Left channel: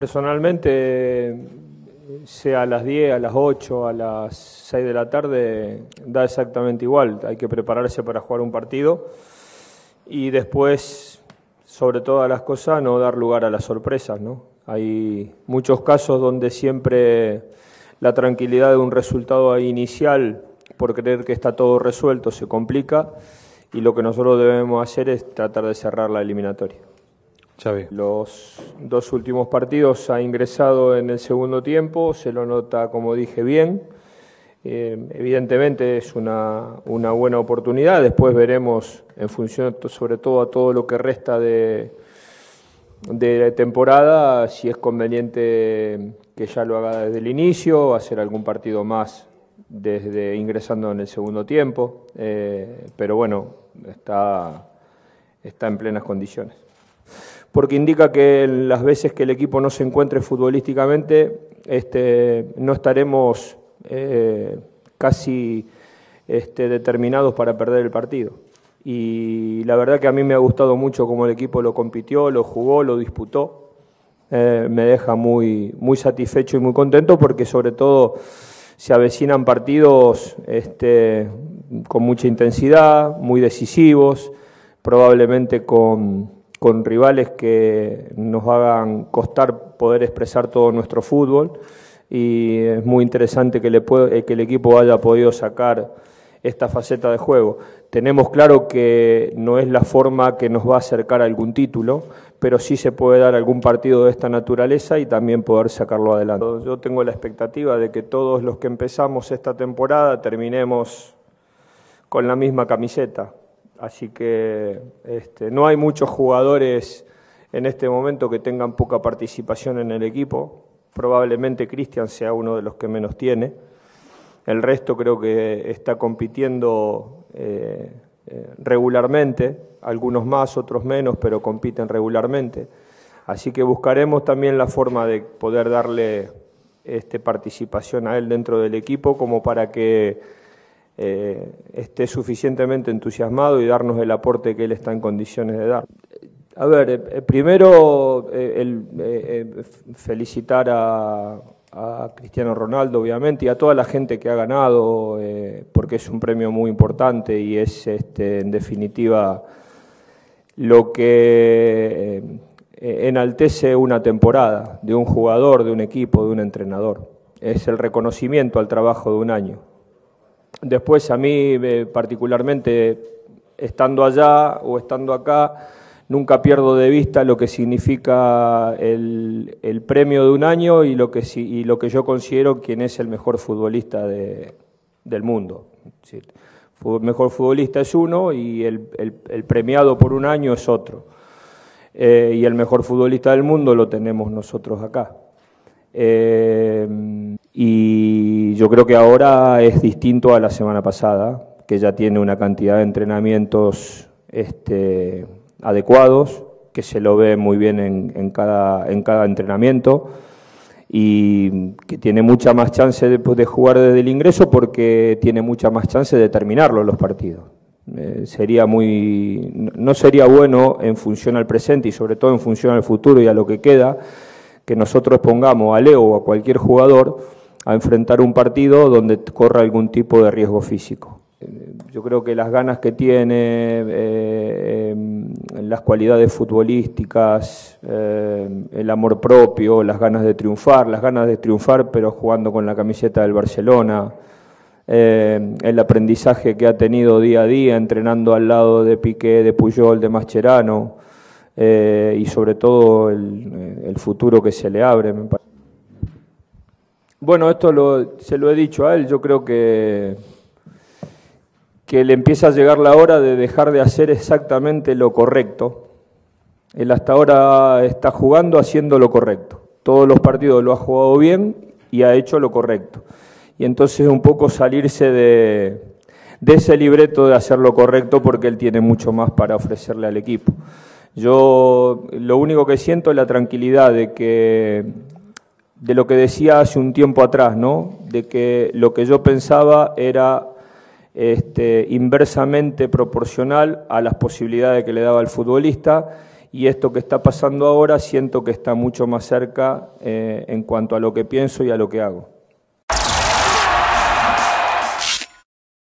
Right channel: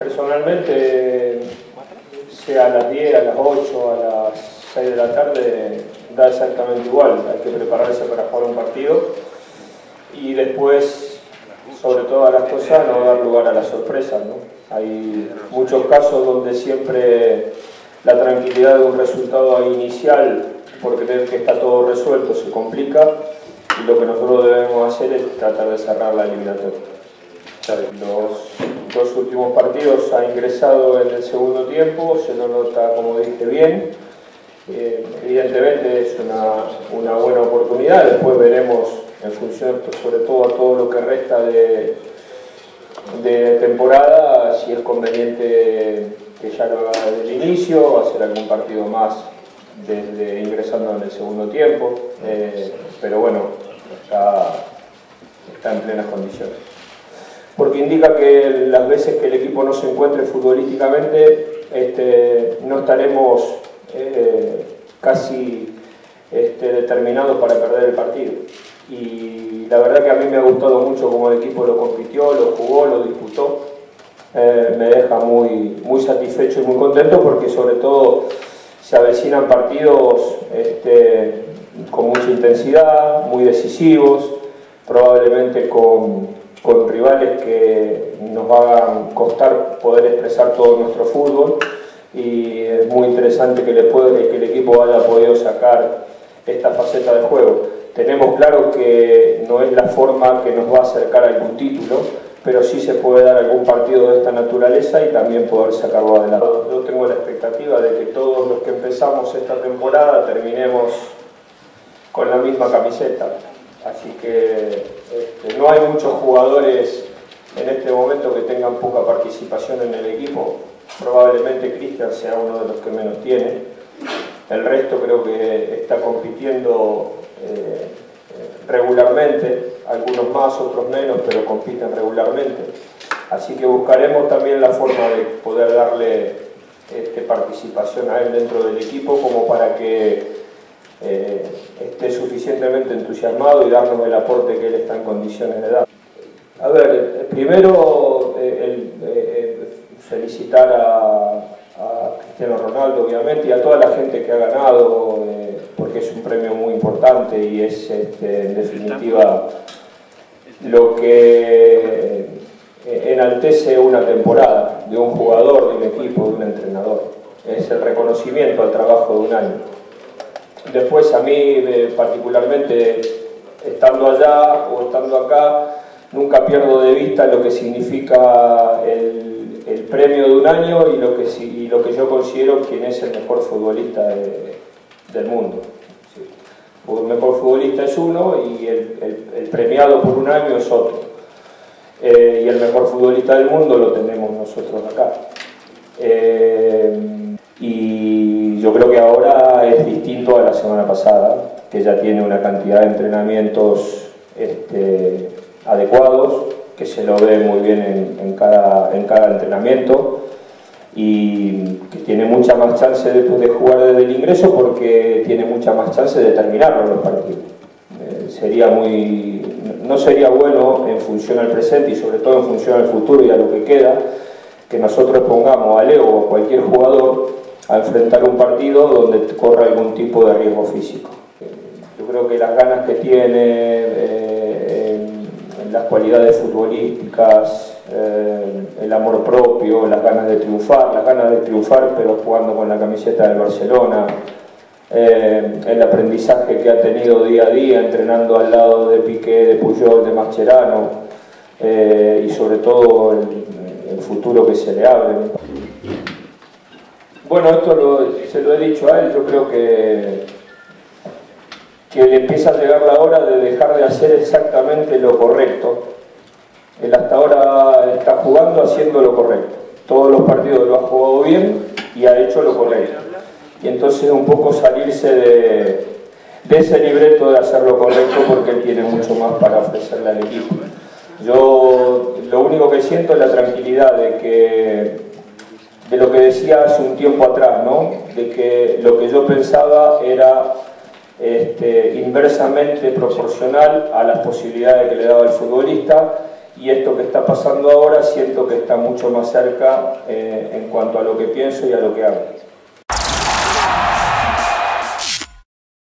Personalmente, sea a las 10, a las 8, a las 6 de la tarde, da exactamente igual. Hay que prepararse para jugar un partido y después, sobre todas las cosas, no dar lugar a las sorpresas, ¿no? Hay muchos casos donde siempre la tranquilidad de un resultado inicial, por creer que está todo resuelto, se complica, y lo que nosotros debemos hacer es tratar de cerrar la eliminatoria. Los dos últimos partidos ha ingresado en el segundo tiempo, se lo nota, como dije, bien. Evidentemente es una buena oportunidad, después veremos en función sobre todo a todo lo que resta de temporada, si es conveniente que ya lo haga desde el inicio, hacer algún partido más desde ingresando en el segundo tiempo, pero bueno, está en plenas condiciones. Porque indica que las veces que el equipo no se encuentre futbolísticamente, no estaremos casi determinados para perder el partido. Y la verdad que a mí me ha gustado mucho cómo el equipo lo compitió, lo jugó, lo disputó. Me deja muy satisfecho y muy contento, porque sobre todo se avecinan partidos con mucha intensidad, muy decisivos, probablemente con rivales que nos hagan costar poder expresar todo nuestro fútbol, y es muy interesante que el equipo haya podido sacar esta faceta de juego. Tenemos claro que no es la forma que nos va a acercar a algún título, pero sí se puede dar algún partido de esta naturaleza y también poder sacarlo adelante. Yo tengo la expectativa de que todos los que empezamos esta temporada terminemos con la misma camiseta. Así que no hay muchos jugadores en este momento que tengan poca participación en el equipo. Probablemente Cristian sea uno de los que menos tiene. El resto creo que está compitiendo regularmente, algunos más, otros menos, pero compiten regularmente. Así que buscaremos también la forma de poder darle participación a él dentro del equipo, como para que esté suficientemente entusiasmado y darnos el aporte que él está en condiciones de dar. A ver, primero felicitar a Cristiano Ronaldo, obviamente, y a toda la gente que ha ganado, porque es un premio muy importante y es en definitiva lo que enaltece una temporada de un jugador, de un equipo, de un entrenador. Es el reconocimiento al trabajo de un año. Después, a mí particularmente, estando allá o estando acá, nunca pierdo de vista lo que significa el premio de un año y lo que yo considero quién es el mejor futbolista del mundo. Sí. El mejor futbolista es uno y el premiado por un año es otro. Y el mejor futbolista del mundo lo tenemos nosotros acá. Y yo creo que ahora es distinto a la semana pasada, que ya tiene una cantidad de entrenamientos adecuados, que se lo ve muy bien en cada entrenamiento, y que tiene mucha más chance de jugar desde el ingreso, porque tiene mucha más chance de terminarlo en los partidos. No sería bueno, en función al presente y sobre todo en función al futuro y a lo que queda, que nosotros pongamos a Leo o a cualquier jugador a enfrentar un partido donde corra algún tipo de riesgo físico. Yo creo que las ganas que tiene, las cualidades futbolísticas, el amor propio, las ganas de triunfar, pero jugando con la camiseta del Barcelona, el aprendizaje que ha tenido día a día, entrenando al lado de Piqué, de Puyol, de Mascherano, y sobre todo el futuro que se le abre, ¿no? Bueno, esto se lo he dicho a él. Yo creo que le empieza a llegar la hora de dejar de hacer exactamente lo correcto. Él hasta ahora está jugando haciendo lo correcto. Todos los partidos lo ha jugado bien y ha hecho lo correcto. Y entonces un poco salirse de ese libreto de hacer lo correcto, porque él tiene mucho más para ofrecerle al equipo. Yo lo único que siento es la tranquilidad de lo que decía hace un tiempo atrás, ¿no? De que lo que yo pensaba era inversamente proporcional a las posibilidades que le daba el futbolista, y esto que está pasando ahora siento que está mucho más cerca en cuanto a lo que pienso y a lo que hago.